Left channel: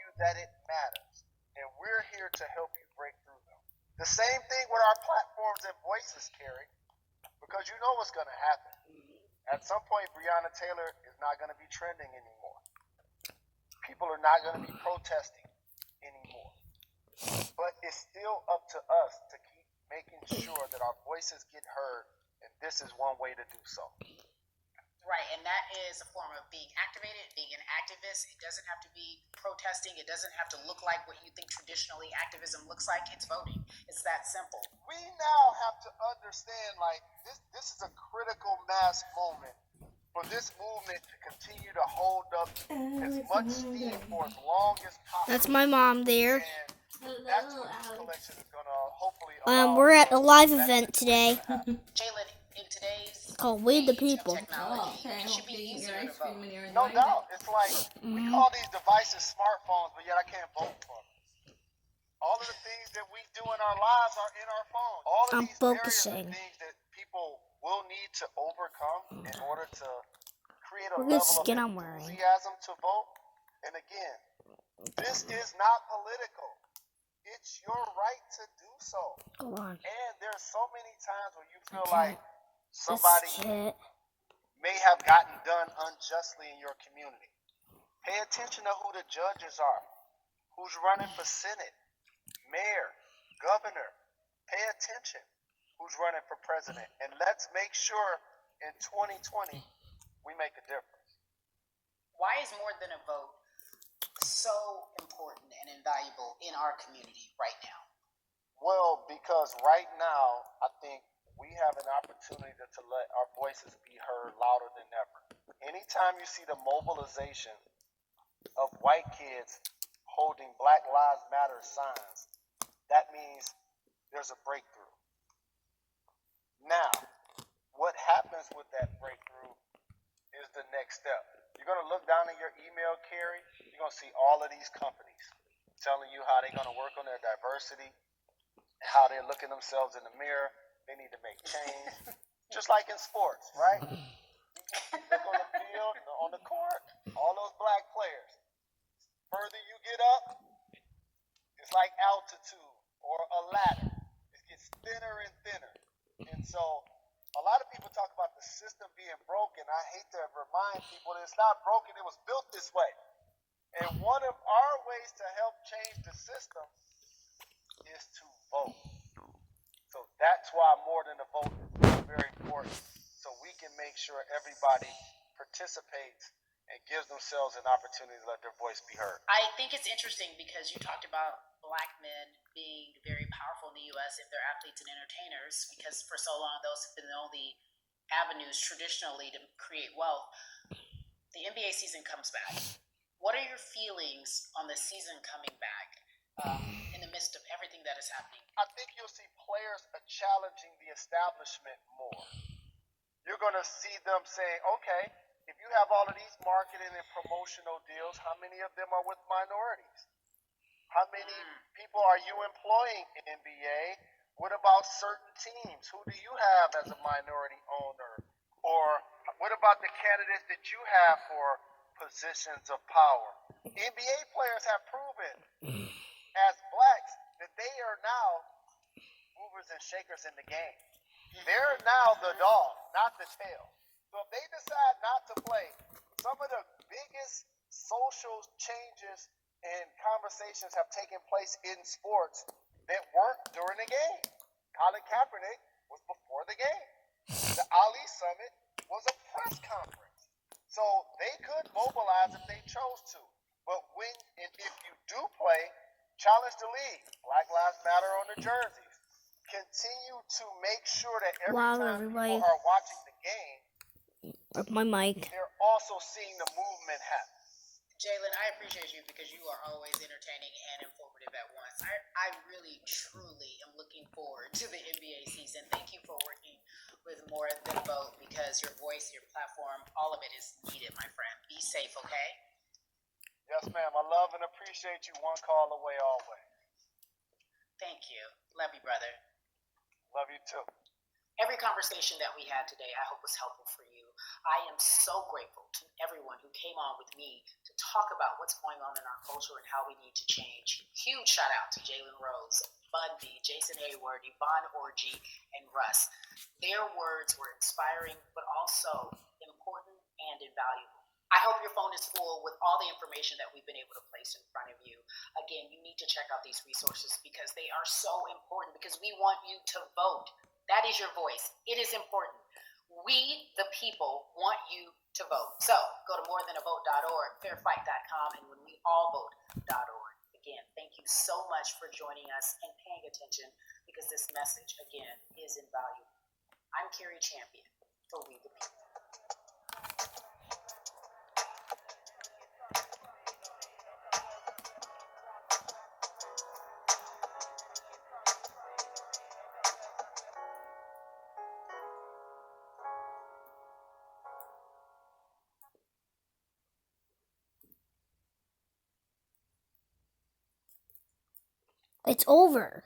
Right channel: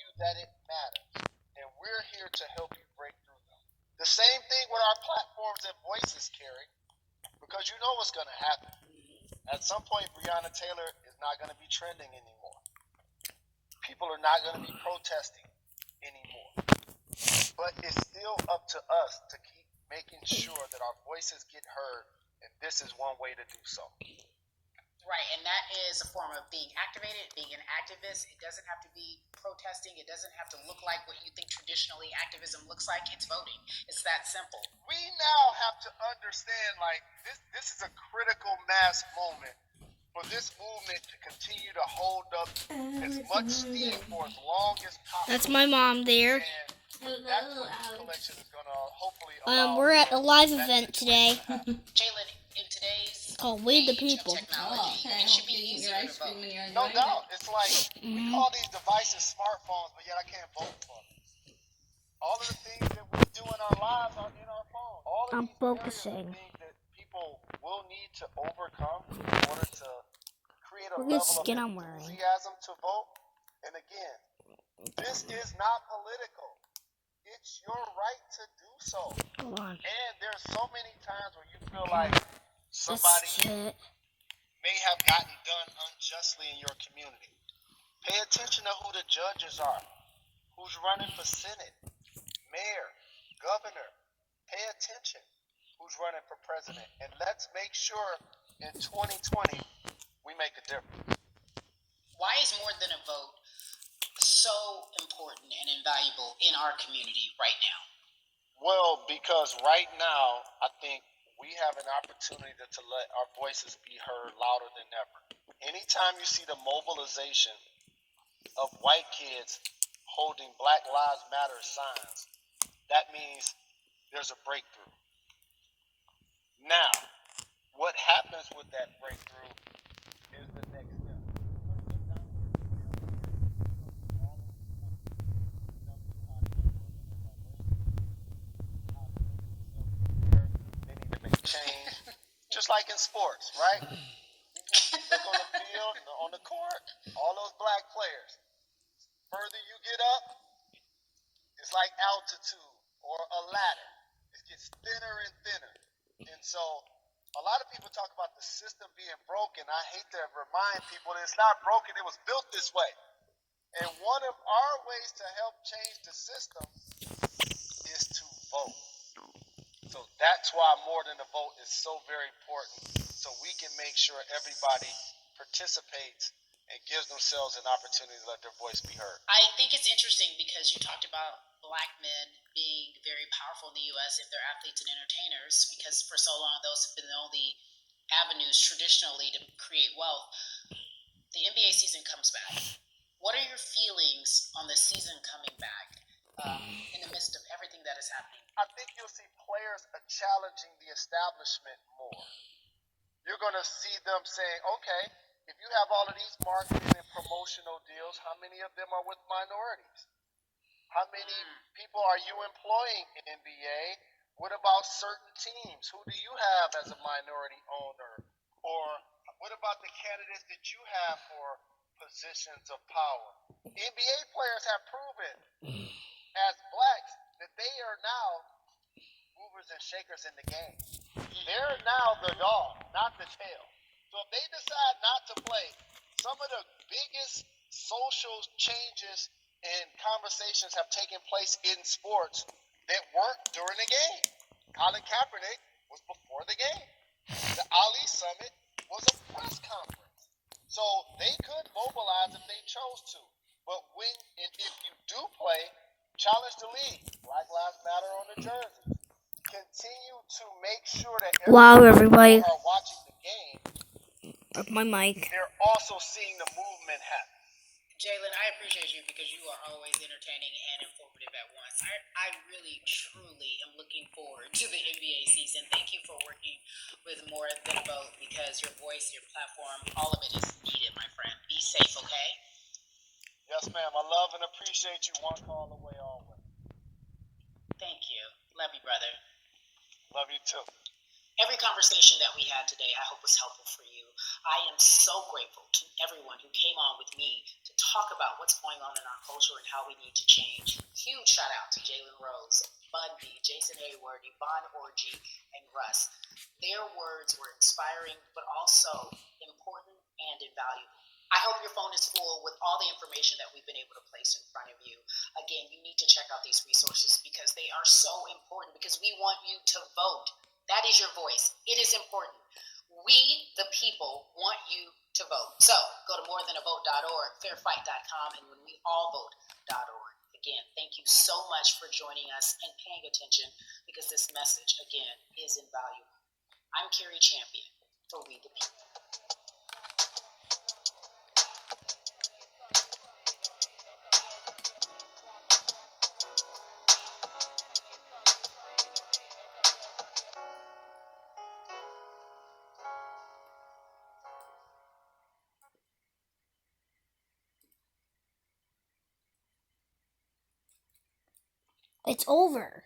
you that it matters. And we're here to help you break through them. The same thing with our platforms and voices, Carrie, because you know what's going to happen. At some point, Breonna Taylor is not going to be trending anymore. People are not going to be protesting anymore. But it's still up to us to keep making sure that our voices get heard, and this is one way to do so. Right, and that is a form of being activated, being an activist. It doesn't have to be protesting. It doesn't have to look like what you think traditionally activism looks like. It's voting. It's that simple. We now have to understand, like, this is a critical mass moment for this movement to continue to hold up as much steam for as long as possible. That's my mom there. And that's what this collection is going to hopefully We're at a live event today. Jalen, in today's called We the age of People. technology, it should be easier to vote. No doubt. It's like we call these devices smartphones, but yet I can't vote for them. All of the things that we do in our lives are in our phones. All of these focusing. Areas are things that people will need to overcome in order to create a Look at level the skin of I'm wearing. enthusiasm to vote. And again, this is not political. It's your right to do so. Hold on. And there's so many times where you feel like somebody Shit. may have gotten done unjustly in your community. Pay attention to who the judges are, who's running for Senate, mayor, governor. Pay attention who's running for president. And let's make sure in 2020 we make a difference. Why is more than a vote so important and invaluable in our community right now? Well, because right now, I think we have an opportunity to let our voices be heard louder than ever. Anytime you see the mobilization of white kids holding Black Lives Matter signs, that means there's a breakthrough. Now, what happens with that breakthrough is the next step. You're going to look down in your email, Carrie. You're going to see all of these companies telling you how they're going to work on their diversity, how they're looking themselves in the mirror. They need to make change. Just like in sports, right? You look on the field, on the court, all those black players. Further you get up, it's like altitude or a ladder. It gets thinner and thinner. And so a lot of people talk about the system being broken. I hate to remind people that it's not broken. It was built this way. And one of our ways to help change the system is to vote. So that's why more than a vote is so very important. So we can make sure everybody participates and gives themselves an opportunity to let their voice be heard. I think it's interesting because you talked about black men being very powerful in the U.S. if they're athletes and entertainers, because for so long those have been the only avenues traditionally to create wealth. The NBA season comes back. What are your feelings on the season coming back in the midst of everything that is happening? I think you'll see players challenging the establishment more. You're going to see them saying, okay, if you have all of these marketing and promotional deals, how many of them are with minorities? How many people are you employing in NBA? What about certain teams? Who do you have as a minority owner? Or what about the candidates that you have for positions of power? NBA players have proven as blacks that they are now movers and shakers in the game. They're now the dog, not the tail. So if they decide not to play, some of the biggest social changes and conversations have taken place in sports that weren't during the game. Colin Kaepernick was before the game. The Ali Summit was a press conference. So they could mobilize if they chose to. But when and if you do play, challenge the league. Black Lives Matter on the jerseys. Continue to make sure that everybody. Are watching the game. Up my mic. They're also seeing the movement happen. Jalen, I appreciate you because you are always entertaining and informative at once. I really, truly am looking forward to the NBA season. Thank you for working with More Than a Vote because your voice, your platform, all of it is needed, my friend. Be safe, okay? Yes, ma'am. I love and appreciate you. One call away always. Thank you. Love you, brother. Love you too. Every conversation that we had today, I hope was helpful for you. I am so grateful to everyone who came on with me to talk about what's going on in our culture and how we need to change. Huge shout out to Jalen Rose, Bud B, Jason Hayward, Yvonne Orgy, and Russ. Their words were inspiring, but also important and invaluable. I hope your phone is full with all the information that we've been able to place in front of you. Again, you need to check out these resources because they are so important because we want you to vote. That is your voice. It is important. We, the people, want you to vote. So go to morethanavote.org, fairfight.com, and when we all vote.org. Again, thank you so much for joining us and paying attention because this message, again, is invaluable. I'm Carrie Champion for We the People. It's over.